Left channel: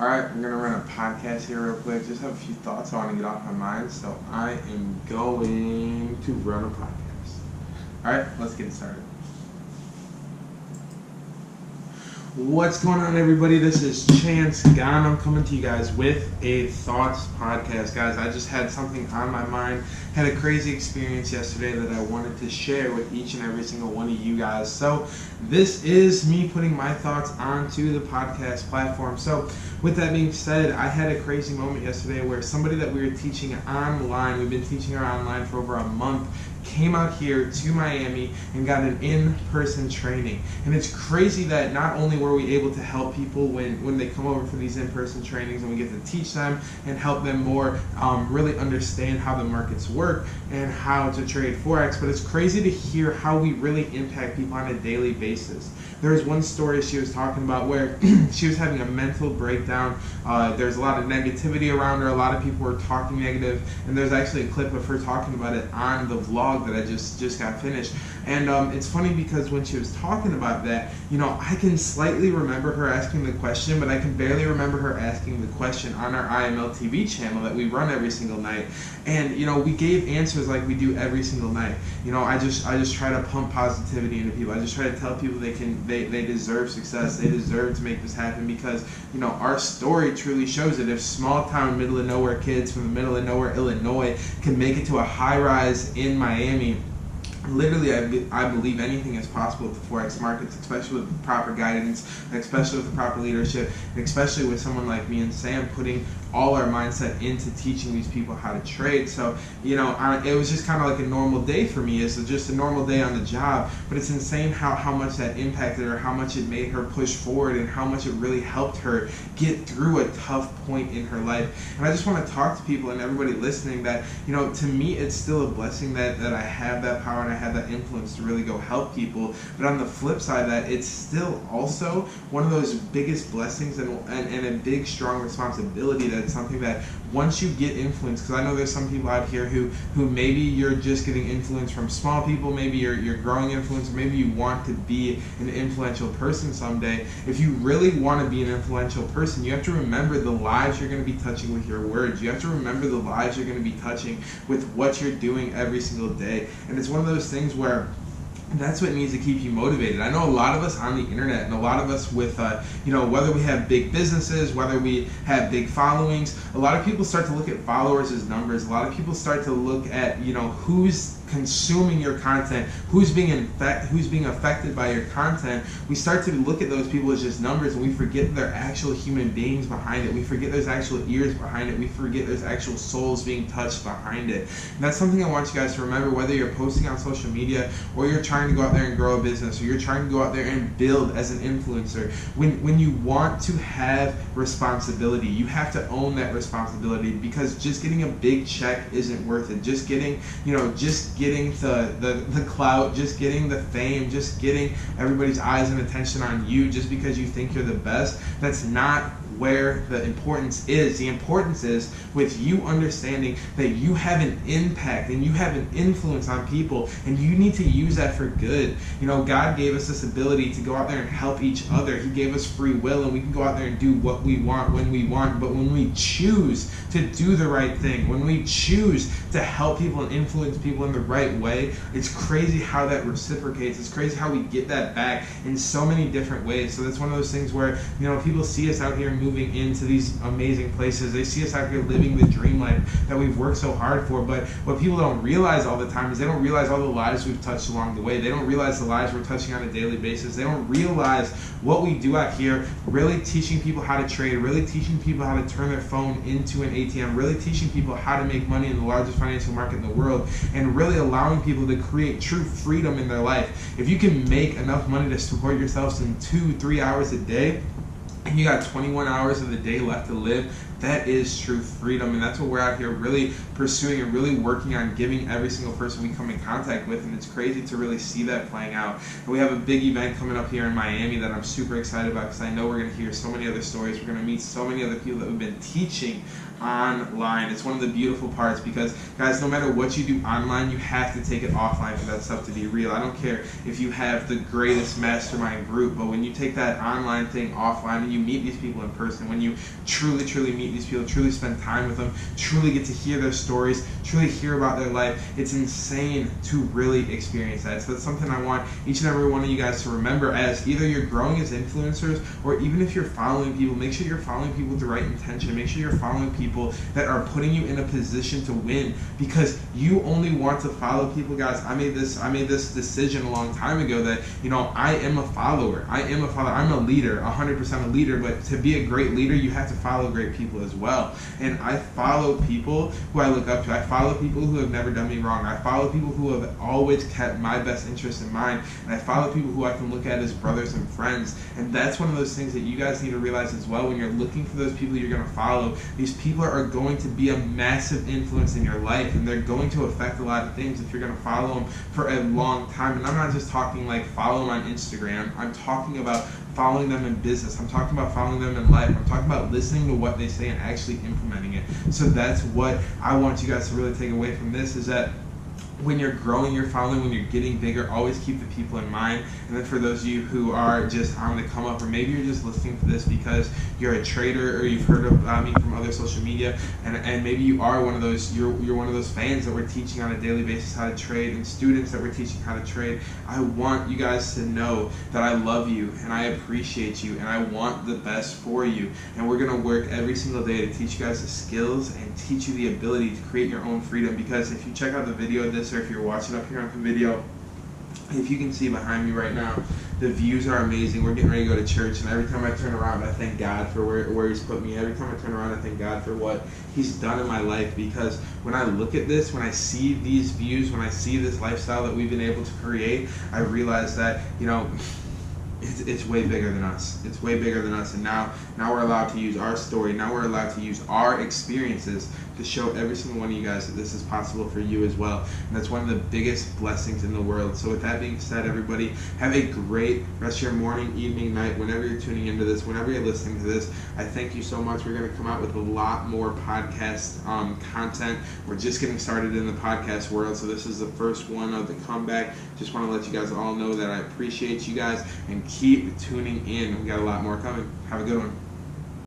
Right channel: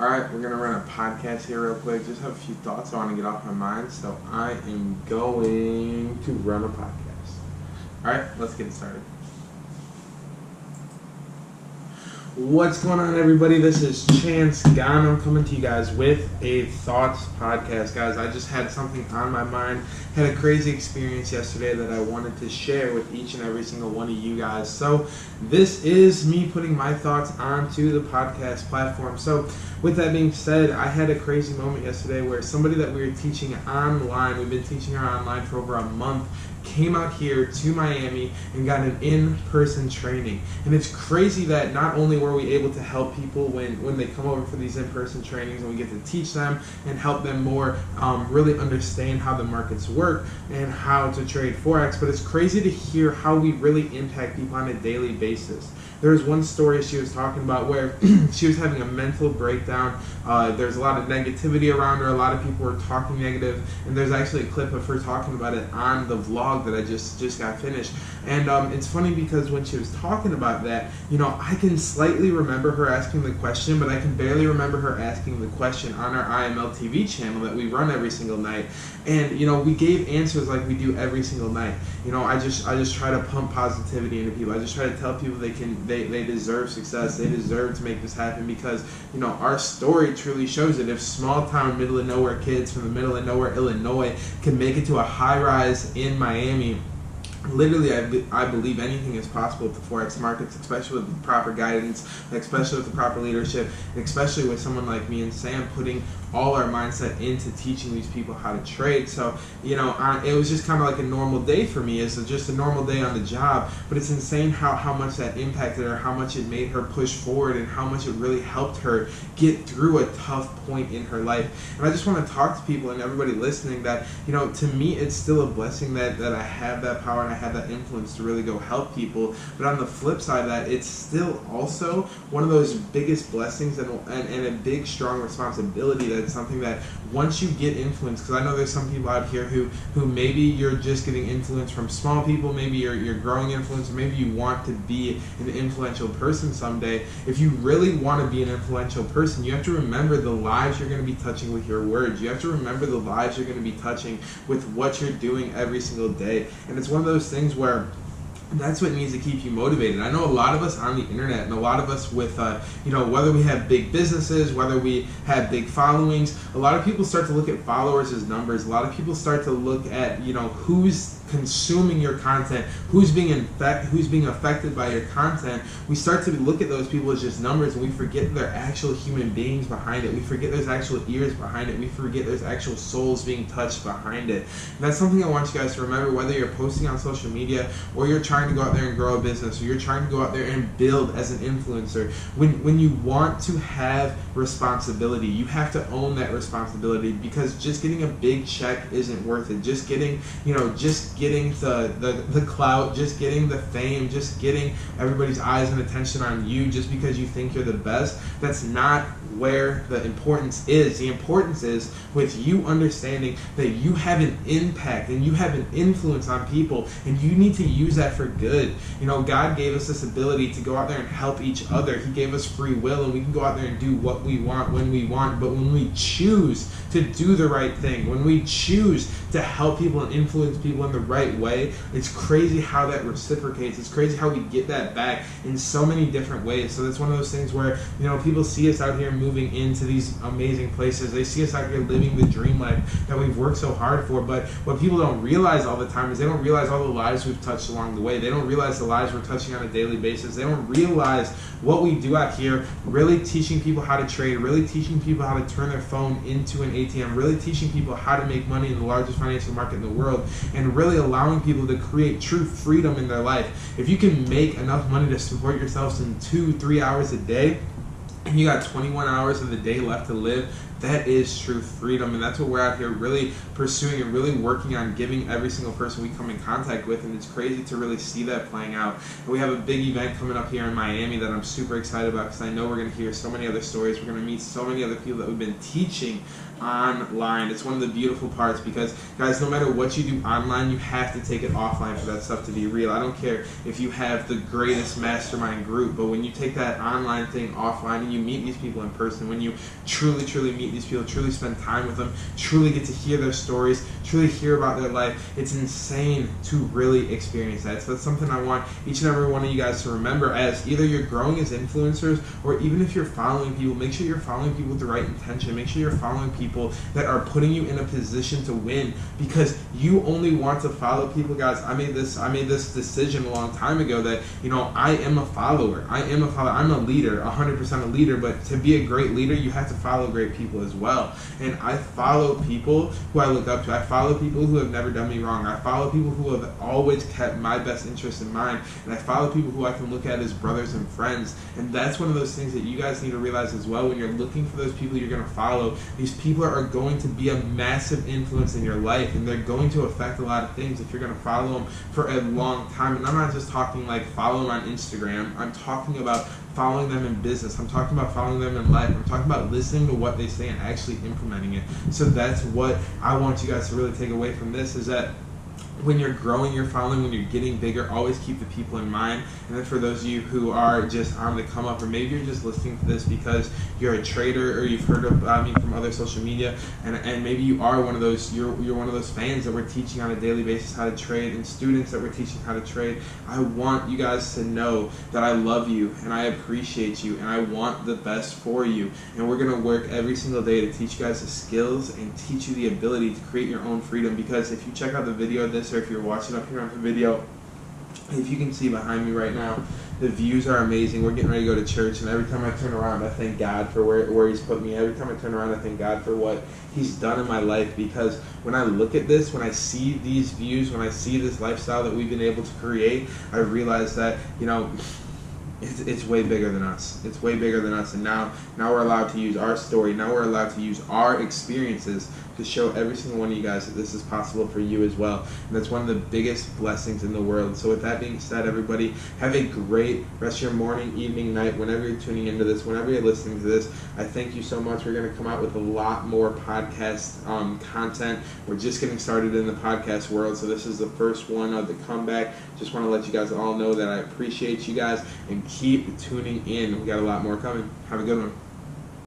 Alright, we're going to run a podcast here real quick. Just have a few thoughts I want to get off my mind, so I am going to run a podcast. Alright, let's get it started. What's going on, everybody? This is Chance Gonnam coming to you guys with a Thoughts podcast. Guys, I just had something on my mind. Had a crazy experience yesterday that I wanted to share with each and every single one of you guys. So this is me putting my thoughts onto the podcast platform. So with that being said, I had a crazy moment yesterday where somebody that we were teaching online, we've been teaching her online for over a month, came out here to Miami and got an in-person training. And it's crazy that not only were we able to help people when they come over for these in-person trainings and we get to teach them and help them more really understand how the markets work and how to trade Forex, but it's crazy to hear how we really impact people on a daily basis. There was one story she was talking about where she was having a mental breakdown. There's a lot of negativity around her. A lot of people were talking negative, and there's actually a clip of her talking about it on the vlog that I just got finished. And it's funny because when she was talking about that, I can slightly remember her asking the question, but I can barely remember her asking the question on our IML TV channel that we run every single night. And we gave answers like we do every single night. I just try to pump positivity into people. I just try to tell people they deserve success. They deserve to make this happen because our story truly shows it. If small town, middle of nowhere kids from the middle of nowhere Illinois can make it to a high rise in Miami, literally, I believe anything is possible with the Forex markets, especially with the proper guidance, especially with the proper leadership, and especially with someone like me and Sam putting all our mindset into teaching these people how to trade. So, it was just kind of like a normal day for me. It's just a normal day on the job, but it's insane how much that impacted her, how much it made her push forward, and how much it really helped her get through a tough point in her life. And I just want to talk to people and everybody listening that, to me, it's still a blessing that I have that power and I have that influence to really go help people. But on the flip side of that, it's still also one of those biggest blessings and a big, strong responsibility. That's something that once you get influence, because I know there's some people out here who maybe you're just getting influence from small people, maybe you're growing influence, or maybe you want to be an influential person someday. If you really want to be an influential person, you have to remember the lives you're going to be touching with your words. You have to remember the lives you're going to be touching with what you're doing every single day. And it's one of those things where that's what needs to keep you motivated. I know a lot of us on the internet and a lot of us with, whether we have big businesses, whether we have big followings, a lot of people start to look at followers as numbers. A lot of people start to look at, who's consuming your content, who's being affected by your content. We start to look at those people as just numbers, and we forget they're actual human beings behind it. We forget there's actual ears behind it. We forget there's actual souls being touched behind it. And that's something I want you guys to remember, whether you're posting on social media or you're trying to go out there and grow a business, or you're trying to go out there and build as an influencer. When you want to have responsibility, you have to own that responsibility, because just getting a big check isn't worth it. Just getting the clout, just getting the fame, just getting everybody's eyes and attention on you just because you think you're the best, that's not where the importance is. The importance is with you understanding that you have an impact and you have an influence on people, and you need to use that for good. God gave us this ability to go out there and help each other. He gave us free will, and we can go out there and do what we want when we want. But when we choose to do the right thing, when we choose to help people and influence people in the right way, it's crazy how that reciprocates. It's crazy how we get that back in so many different ways. So that's one of those things where people see us out here moving into these amazing places. They see us out here living the dream life that we've worked so hard for. But what people don't realize all the time is they don't realize all the lives we've touched along the way. They don't realize the lives we're touching on a daily basis. They don't realize what we do out here, really teaching people how to trade, really teaching people how to turn their phone into an ATM, really teaching people how to make money in the largest financial market in the world, and really allowing people to create true freedom in their life. If you can make enough money to support yourselves in 2-3 hours a day, and you got 21 hours of the day left to live, that is true freedom. And that's what we're out here really pursuing and really working on, giving every single person we come in contact with. And it's crazy to really see that playing out. And we have a big event coming up here in Miami that I'm super excited about, because I know we're going to hear so many other stories. We're going to meet so many other people that we've been teaching online. It's one of the beautiful parts, because guys, no matter what you do online, you have to take it offline for that stuff to be real. I don't care if you have the greatest mastermind group, but when you take that online thing offline and you meet these people in person, when you truly meet these people, truly spend time with them, truly get to hear their stories, truly hear about their life, it's insane to really experience that. So that's something I want each and every one of you guys to remember, as either you're growing as influencers, or even if you're following people, make sure you're following people with the right intention. Make sure you're following people that are putting you in a position to win, because you only want to follow people. Guys, I made this decision a long time ago that, I am a follower. I'm a leader, 100% a leader, but to be a great leader, you have to follow great people as well. And I follow people who I look up to. I follow people who have never done me wrong. I follow people who have always kept my best interest in mind. And I follow people who I can look at as brothers and friends. And that's one of those things that you guys need to realize as well. When you're looking for those people you're going to follow, these people are going to be a massive influence in your life, and they're going to affect a lot of things if you're going to follow them for a long time. And I'm not just talking like follow them on Instagram. I'm talking about following them in business. I'm talking about following them in life. I'm talking about listening to what they say and actually implementing it. So that's what I want you guys to really take away from this, is that when you're growing your following, when you're getting bigger, always keep the people in mind. And then for those of you who are just on the come up, or maybe you're just listening to this because you're a trader, or you've heard about me from other social media, and maybe you are one of those, you're one of those fans that we're teaching on a daily basis how to trade, and students that we're teaching how to trade. I want you guys to know that I love you and I appreciate you and I want the best for you. And we're going to work every single day to teach you guys the skills and teach you the ability to create your own freedom. Because if you check out the video of this, or if you're watching up here on the video, if you can see behind me right now, the views are amazing. We're getting ready to go to church, and every time I turn around, I thank God for where He's put me. Every time I turn around, I thank God for what He's done in my life. Because when I look at this, when I see these views, when I see this lifestyle that we've been able to create, I realize that, it's way bigger than us. It's way bigger than us. And now we're allowed to use our story. Now we're allowed to use our experiences to show every single one of you guys that this is possible for you as well. And that's one of the biggest blessings in the world. So with that being said, everybody, have a great rest of your morning, evening, night, whenever you're tuning into this, whenever you're listening to this. I thank you so much. We're going to come out with a lot more podcast content. We're just getting started in the podcast world, so this is the first one of the comeback. Just want to let you guys all know that I appreciate you guys, and keep tuning in. We got a lot more coming. Have a good one.